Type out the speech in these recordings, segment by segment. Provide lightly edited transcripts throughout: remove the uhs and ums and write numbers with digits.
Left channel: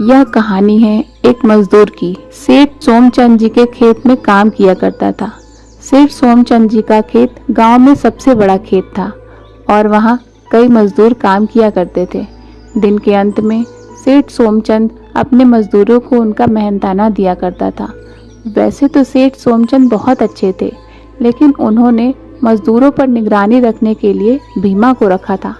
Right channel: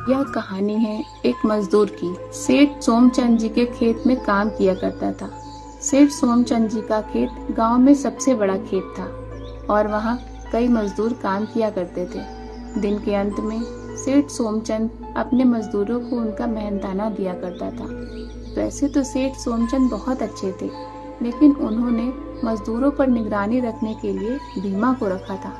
यह कहानी है एक मजदूर की। सेठ सोमचंद जी के खेत में काम किया करता था। सेठ सोमचंद जी का खेत गांव में सबसे बड़ा खेत था और वहां कई मजदूर काम किया करते थे। दिन के अंत में सेठ सोमचंद अपने मजदूरों को उनका मेहनताना दिया करता था। वैसे तो सेठ सोमचंद बहुत अच्छे थे, लेकिन उन्होंने मजदूरों पर निगरानी रखने के लिए भीमा को रखा था।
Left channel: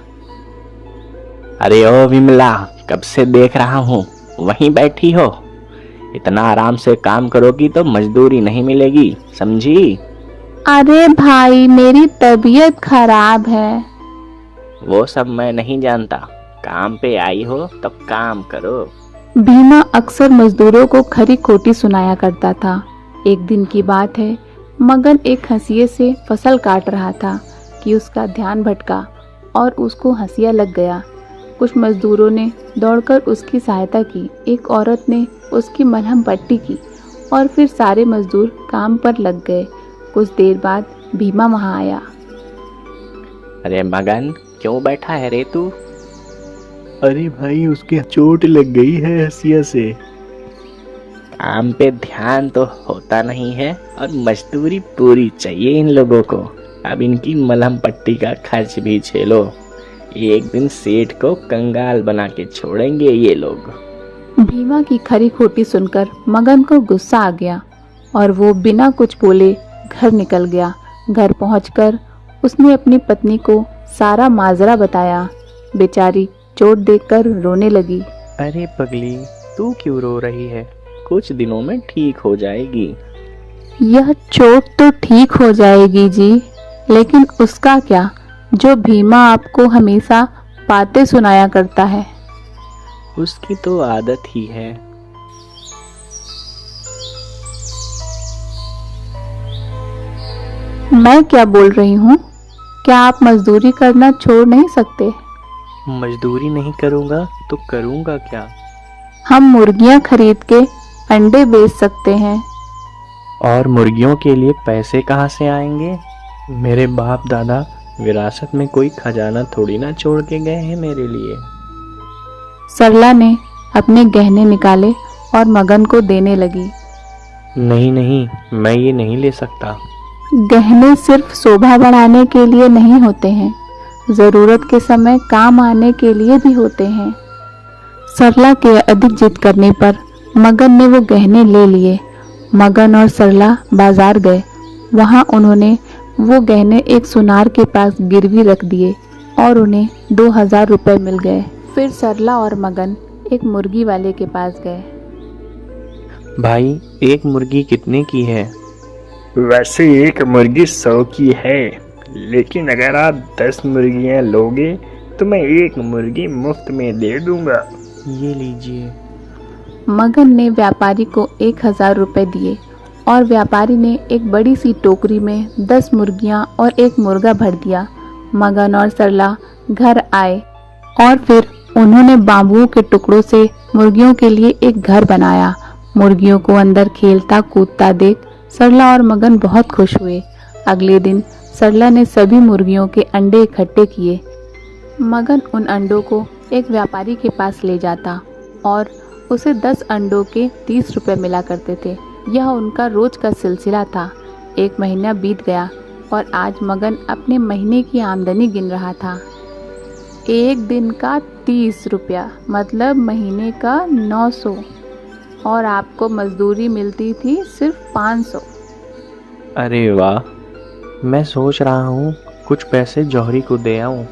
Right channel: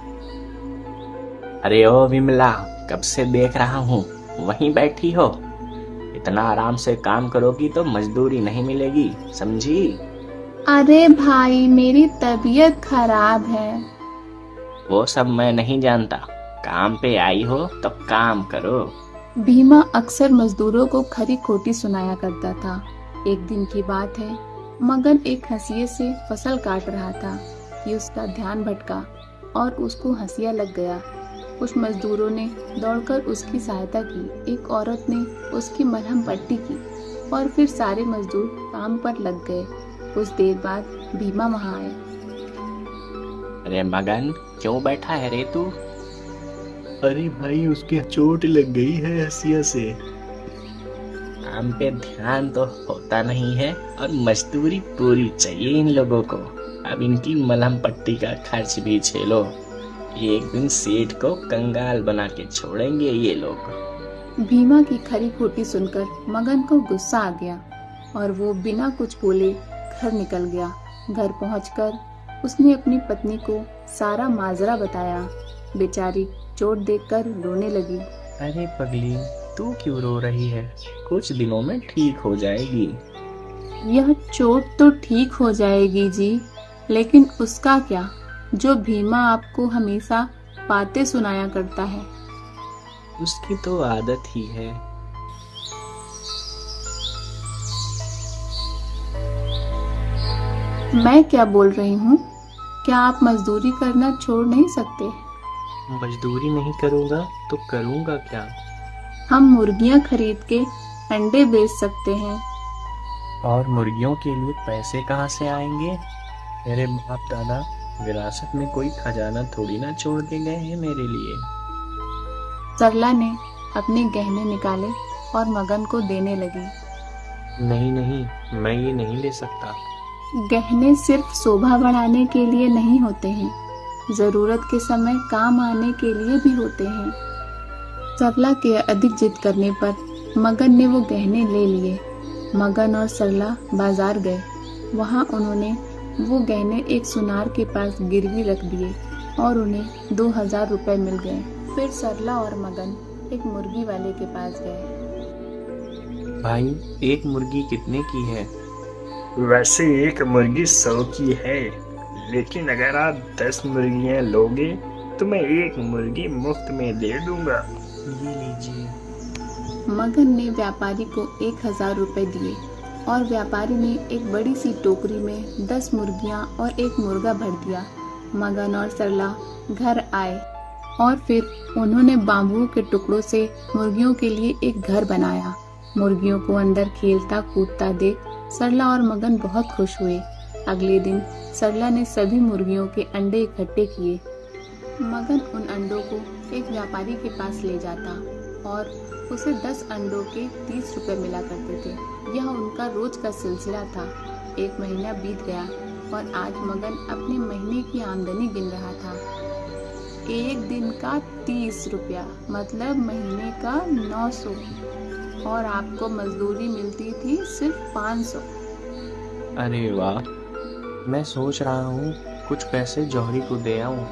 अरे ओ विमला, कब से देख रहा हूँ वहीं बैठी हो। इतना आराम से काम करोगी तो मजदूरी नहीं मिलेगी, समझी? अरे भाई, मेरी तबीयत खराब है। वो सब मैं नहीं जानता, काम पे आई हो तो काम करो। भीमा अक्सर मजदूरों को खरी खोटी सुनाया करता था। एक दिन की बात है, मगन एक हंसिये से फसल काट रहा था कि उसका ध्यान भटका और उसको हंसिया लग गया। कुछ मजदूरों ने दौड़कर उसकी सहायता की। एक औरत ने उसकी मलहम पट्टी की और फिर सारे मजदूर काम पर लग गए। कुछ देर बाद भीमा वहां आया। अरे मगन, क्यों बैठा है रे तू? अरे भाई, उसके चोट लग गई है हंसिया से। काम पे ध्यान तो होता नहीं है और मजदूरी पूरी चाहिए इन लोगों को। अब इनकी मलहम पट्टी का खर्च भी झेलो। एक दिन सेठ को कंगाल बना के छोड़ेंगे ये लोग। भीमा की खरी खोटी सुनकर मगन को गुस्सा आ गया और वो बिना कुछ बोले घर निकल गया। घर पहुंचकर उसने अपनी पत्नी को सारा माजरा बताया। बेचारी चोट देखकर रोने लगी। अरे पगली, तू क्यों रो रही है? कुछ दिनों में ठीक हो जाएगी। यह चोट तो ठीक हो जाएगी जी, लेकिन उसका क्या जो भीमा आपको हमेशा बातें सुनाया करता है। उसकी तो आदत ही है। मैं क्या बोल रही हूँ? क्या आप मजदूरी करना छोड़ नहीं सकते? मजदूरी नहीं करूँगा तो करूँगा क्या? हम मुर्गियाँ खरीद के अंडे बेच सकते हैं। और मुर्गियों के लिए पैसे कहाँ से आएंगे? मेरे बाप दादा विरासत में कोई खजाना थोड़ी ना छोड़ के गए हैं मेरे लिए। सरला ने अपने गहने निकाले और मगन को देने लगी। नहीं नहीं, मैं ये नहीं ले सकता। गहने सिर्फ शोभा बढ़ाने के लिए नहीं होते हैं, जरूरत के समय काम आने के लिए भी होते हैं। सरला के अधिक जिद करने पर मगन ने वो गहने ले लिए। मगन और सरला बाजार गए। वहां उन्होंने वो गहने एक सुनार के पास गिरवी रख दिए और उन्हें 2000 रुपए मिल गए। फिर सरला और मगन एक मुर्गी वाले के पास गए। भाई, एक मुर्गी कितने की है? वैसे एक मुर्गी 100 की है, लेकिन अगर आप 10 मुर्गियां लोगे तो मैं एक मुर्गी मुफ्त में दे दूंगा। ये लीजिए। मगन ने व्यापारी को 1000 रुपए दिए और व्यापारी ने एक बड़ी सी टोकरी में 10 मुर्गियां और एक मुर्गा भर दिया। मगन और सरला घर आए और फिर उन्होंने बांबुओं के टुकड़ों से मुर्गियों के लिए एक घर बनाया। मुर्गियों को अंदर खेलता कूदता देख सरला और मगन बहुत खुश हुए। अगले दिन सरला ने सभी मुर्गियों के अंडे इकट्ठे किए। मगन उन अंडों को एक व्यापारी के पास ले जाता और उसे 10 अंडों के 30 रुपए मिला करते थे। यह उनका रोज का सिलसिला था। एक महीना बीत गया और आज मगन अपने महीने की आमदनी गिन रहा था। एक दिन का 30 रुपया मतलब महीने का 900, और आपको मजदूरी मिलती थी सिर्फ 500। अरे वाह, मैं सोच रहा हूँ कुछ पैसे जौहरी को दे आऊं।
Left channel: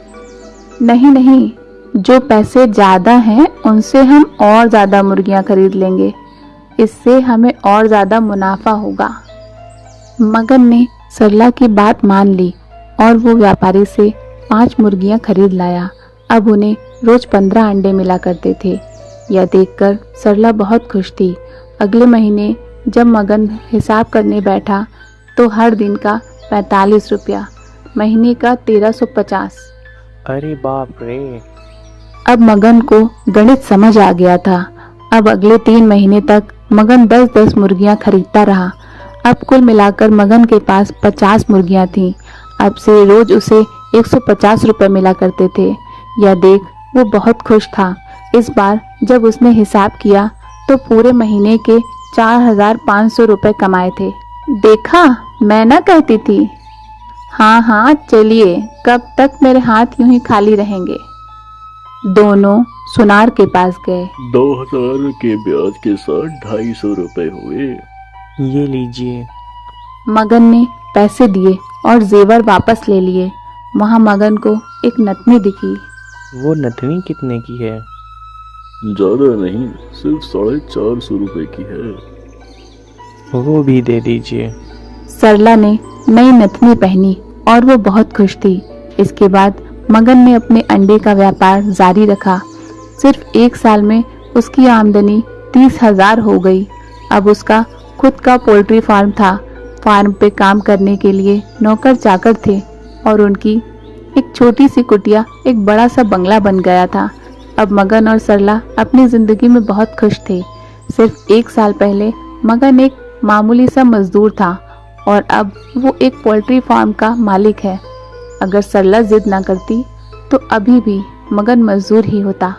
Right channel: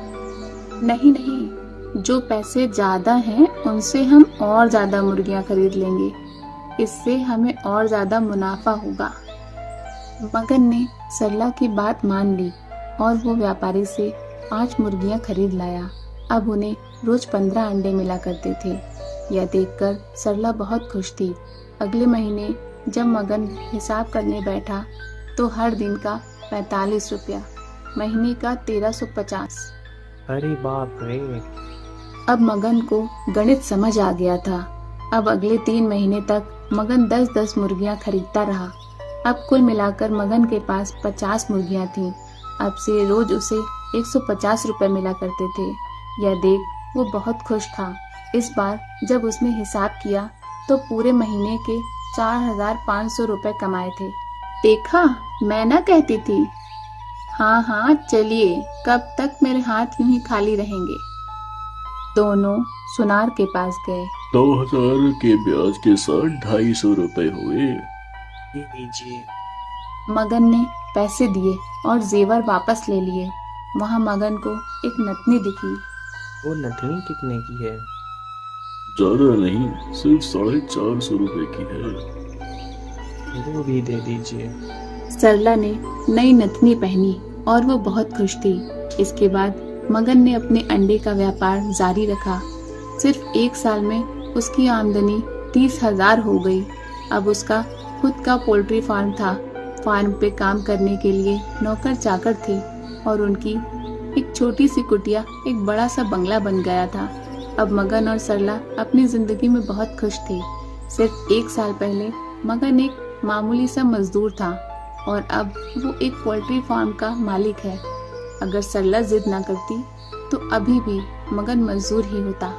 नहीं नहीं, जो पैसे ज्यादा हैं उनसे हम और ज्यादा मुर्गियां खरीद लेंगे। इससे हमें और ज्यादा मुनाफा होगा। मगन ने सरला की बात मान ली और वो व्यापारी से 5 मुर्गियां खरीद लाया। अब उन्हें रोज 15 अंडे मिला करते थे। यह देखकर सरला बहुत खुश थी। अगले महीने जब मगन हिसाब करने बैठा तो हर दिन का 45 रुपया, महीने का 1350। अरे बाप रे। अब मगन को गणित समझ आ गया था। अब अगले 3 महीने तक मगन 10-10 मुर्गियां खरीदता रहा। अब कुल मिलाकर मगन के पास 50 मुर्गियां थीं। अब से रोज उसे 150 रुपए मिला करते थे। यह देख वो बहुत खुश था। इस बार जब उसने हिसाब किया तो पूरे महीने के 4,500 रुपए कमाए थे। देखा, मैं ना कहती थी। हाँ हाँ चलिए, कब तक मेरे हाथ यूं ही खाली रहेंगे। दोनों सुनार के पास गए। 2,000 के ब्याज के साथ 250 रुपए हुए। ये लीजिए। मगन ने पैसे दिए और जेवर वापस ले लिए। वहां मगन को एक नथनी दिखी। वो नथनी कितने की है? ज्यादा नहीं, सिर्फ 450 रुपए की है। वो भी दे दीजिए। सरला ने नई नथनी पहनी और वो बहुत खुश थी। इसके बाद मगन ने अपने अंडे का व्यापार जारी रखा। सिर्फ 1 साल में उसकी आमदनी 30,000 हो गई। अब उसका खुद का पोल्ट्री फार्म था। फार्म पे काम करने के लिए नौकर चाकर थे और उनकी एक छोटी सी कुटिया एक बड़ा सा बंगला बन गया था। अब मगन और सरला अपनी जिंदगी में बहुत खुश थे। सिर्फ 1 साल पहले मगन एक मामूली सा मजदूर था और अब वो एक पोल्ट्री फार्म का मालिक है। अगर सरला जिद ना करती तो अभी भी मगन मजदूर ही होता।